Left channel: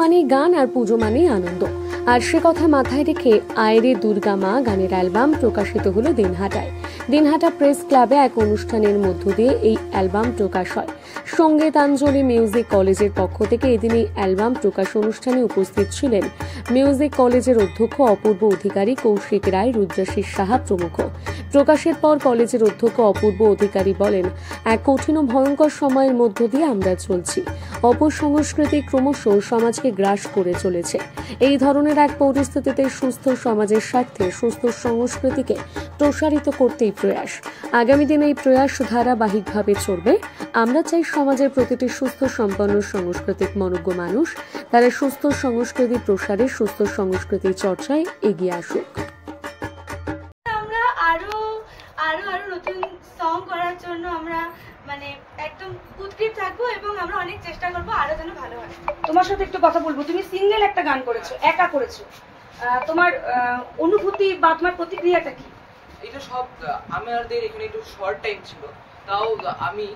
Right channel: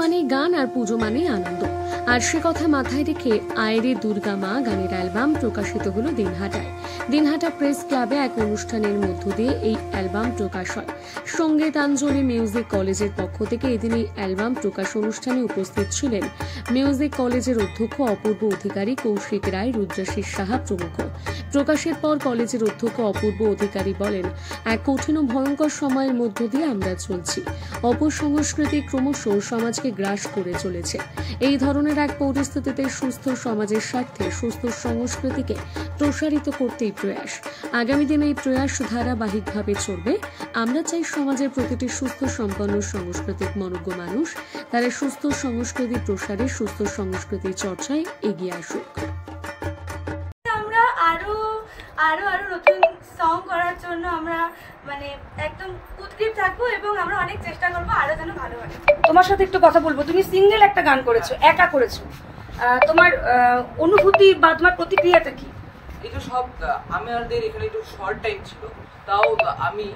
মানেই গান আর পুজো মানেই আনন্দ। আর সে কথা মাথায় রেখে আয়রে দুর্গা মা গানের অ্যালবাম প্রকাশিত হলো দিনহাটায়। দিনহাটা প্রেস ক্লাবে এক অনুষ্ঠানের মধ্য দিয়ে এই অ্যালবাম প্রকাশ হয়। সঙ্গীতাঞ্জলি মিউজিক কলেজের পক্ষ থেকে এদিন এই অ্যালবাম প্রকাশ অনুষ্ঠানে উপস্থিত ছিলেন মিউজিক কলেজের অধ্যক্ষ অপূর্ব অধিকারী, কৌশিক রায়, রুদ্রাশিস সাহা প্রমুখ। প্রকাশের পর কলেজের অধ্যক্ষ অপূর্ব অধিকারী বলেন, এক কঠিন ও ভয়ঙ্কর সময়ের মধ্য দিয়ে আমরা চলছি। অপসংস্কৃতি ক্রমশ সমাজকে গ্রাস করে চলেছে। এই ধরনের এক পরিস্থিতিতে সুস্থ সমাজের স্বার্থে সুস্থ সংস্কৃতিকে প্রসারিত করতেই প্রয়াস। আগামী দিনে এই প্রয়াস ধারাবাহিকভাবে চলবে। আমরা চাই সমাজের প্রতিটি সুস্থ সম্পন্ন সাংস্কৃতিক মনজ্ঞ মানুষ তারা সুস্থ সংস্কৃতি প্রসারে, সুস্থ সংস্কৃতির চর্চায় এগিয়ে আসুক। আরো নতুন সং করার জন্য আমরা একদম উদ্গ্রীব থাকবো এবং আমরা অনেক চেষ্টা করবো আরো যেন ভালো হয়। তোমার সাথে একটু কথা বলবো। তুমি সিঙ্গেল একটা গান করেছো, একা করেছো, তোমার অনুভূতি বা তোমার প্রতিক্রিয়াটা কি? এটা সব আমাদের এখানে একটু শর্ট টাইম ছিল, তাও আমি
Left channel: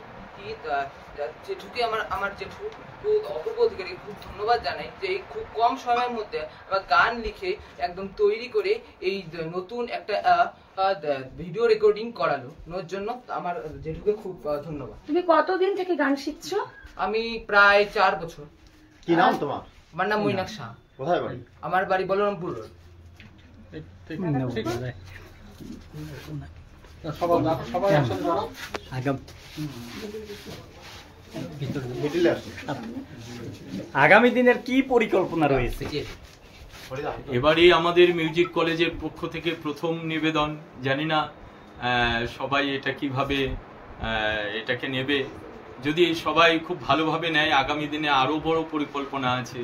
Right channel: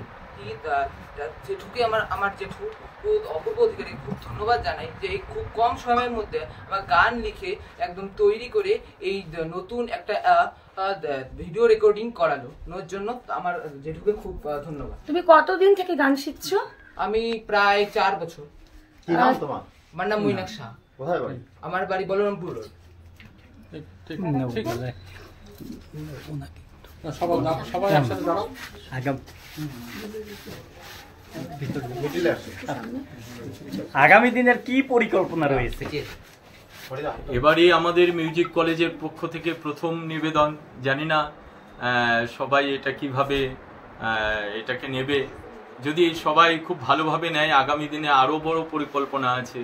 জেঠুকে আমার জেঠু অপূর্ব অধিকারী খুব ধন্যবাদ জানাই যে এই খুব কম সময়ের মধ্যে আমার গান লিখে একদম তৈরি করে এই নতুন একটা ভিডিও রেকর্ডিং করালো ওর জন্য আমার জেঠুকে খুব ধন্যবাদ। তুমি কতদিন থেকে গান শিখছো? আমি প্রায় 4 বছর। কি নাম তোমার? আমার নাম মৈনাক শাহ। কোথায় বাড়ি? আমার বাড়ি বলরামপুর রোড। আগামী দিনের কি পরিকল্পনা রয়েছে? এবারে আমাদের মিউজিক কলেজের পক্ষ থেকে প্রথম নিবেদন, জানি না সবাই এটা কিভাবে এটাকে নেবে। যদি সবাই খুব ভালোভাবে নেয়, আগামী দিনে আরো বড় পরিকল্পনা আছে,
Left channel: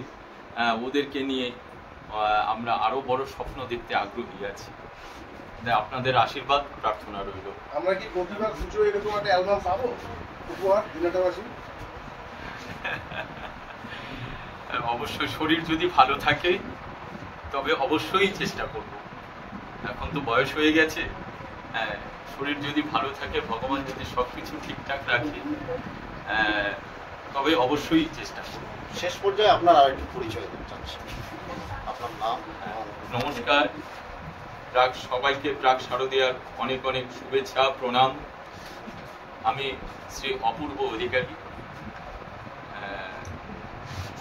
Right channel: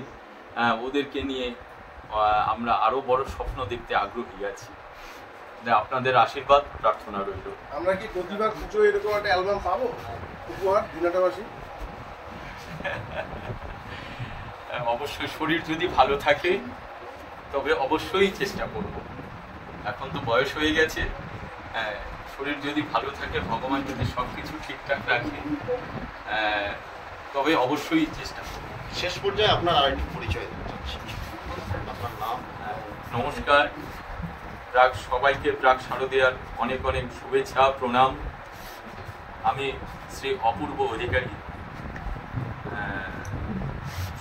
ওদেরকে নিয়ে আমরা আরো বড় স্বপ্ন দেখতে আগ্রহী আছি। আপনাদের আশীর্বাদ প্রার্থনা রইল। আমরা কি প্রতিবার পুজো এরকম একটা অ্যালবাম পাবো উপহার দিনহাটাবাসী? অবশ্যই শরীর যদি ভালো থাকে তবে অবশ্যই চেষ্টা করব। এখন তো বয়স হয়ে গেছে, শরীর যদি ভালো থাকে, ভগবান যদি সবকিছু ঠিকঠাক রাখে, তবে অবশ্যই চেষ্টা করব। শেষ পর্যায়ে আপনার আরেকটি পরিচয় আপনার নাম? নমস্কার, সবাইকে প্রাক শারদীয়ার অনেক অনেক শুভেচ্ছা, প্রণাম। আমি শ্রী অপূর্ব অধিকারী।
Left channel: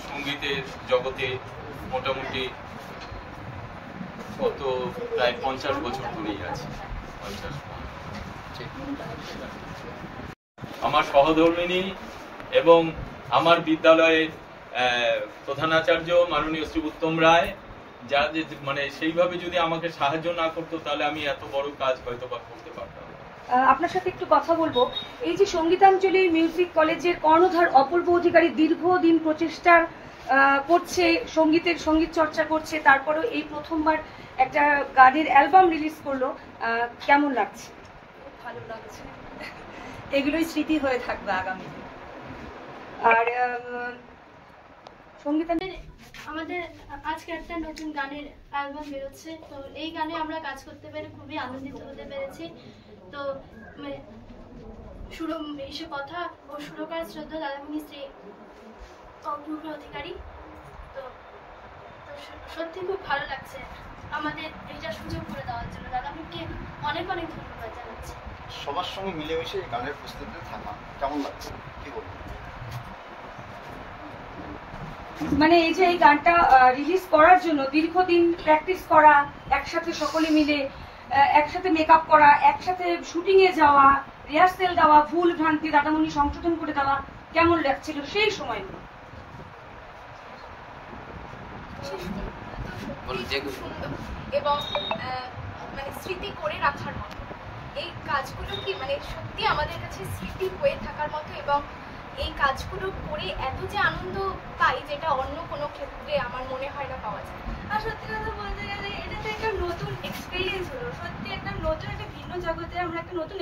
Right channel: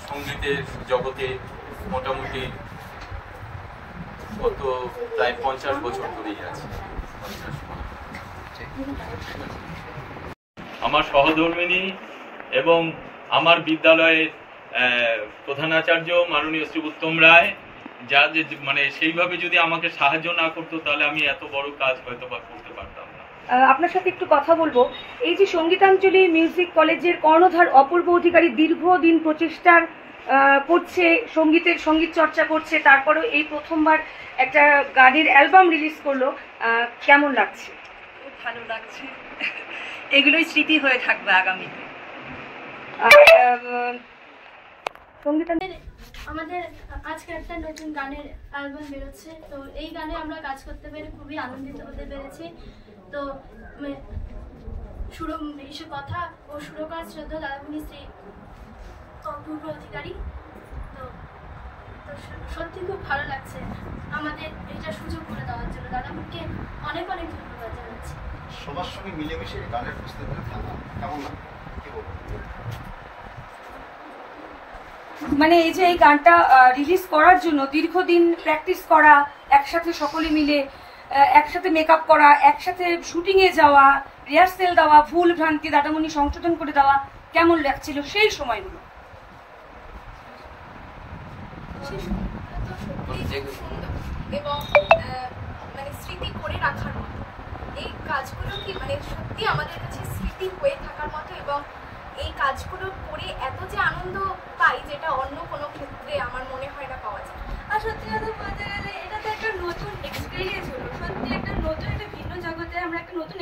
সঙ্গীতের জগতে মোটামুটি গত প্রায় 50 বছর ধরেই আছি। আমার সহধর্মিণী এবং আমার বিদ্যালয়ের প্রধানাচার্য মাননীয় শ্রী উত্তম রায়, যা সেইভাবে যদি আমাকে সাহায্য না করতো তাহলে আমি এত বড় কাজ হয়তো বা করতে পারতাম না। আপনার সাথে একটু কথা বলবো। এই যে সঙ্গীতাঞ্জলি মিউজিক কলেজের কর্ণধার অপূর্ব অধিকারী দীর্ঘদিন প্রচেষ্টার করছে, সঙ্গীত চর্চা করছে, তারপরেও এই প্রথমবার একটা গানের অ্যালবাম রিলিজ করলো, কেমন লাগছে? খুব ভালো লাগছে, এগুলোই স্মৃতি হয়ে থাকবে আগামীতে। আমাদের আজকে একটা নতুন গানের অ্যালবাম বেরোচ্ছে, তো এই গানে আমরা কাজ করতে পেরে খুবই আনন্দিত হতে পেরেছি। তো কথা ও সুরকার শ্রদ্ধা দাদামণি শ্রী অপূর্ব অধিকারী, তো সত্যি খুব ভালো লাগছে আমাদের এইটা সুযোগ করে দেওয়ার জন্য। দাদামণিকে অনেক অনেক ধন্যবাদ জানাচ্ছি। সবার সঙ্গে মিলেমিশে গানের প্রস্তুতি কেমন লাগছে, কি বলবো? এই যে এই গানটা রিলিজ করার জন্য দীর্ঘদিন প্র্যাকটিস করা, একসাথে সকলে মিলে একসাথে মেকআপ করা, একসাথে শুটিং এ যাওয়া, রিহার্সেল দেওয়া, ভুল ভ্রান্তি দাদামণি সংশোধন করে দেওয়া, কেমন লাগছিল সেই সময়গুলো? এবং স্মৃতি করে রাখার মতো এই কাজগুলো কি সত্যি আমাদের কাছে স্মৃতি হয়ে থাকার মতো, এবং এই কাজগুলো করে এত যে আনন্দ পাই যেটা অন্য কোনো ক্ষেত্রে আমার মনে হয় না পাওয়া যায়। আর সত্যি কথা বলতে গেলে এটা তো একটা নতুন এক্সপিরিয়েন্স হলো, সত্যি একটা নতুন, একটা ভিন্ন জগতে আমরা একটা নতুন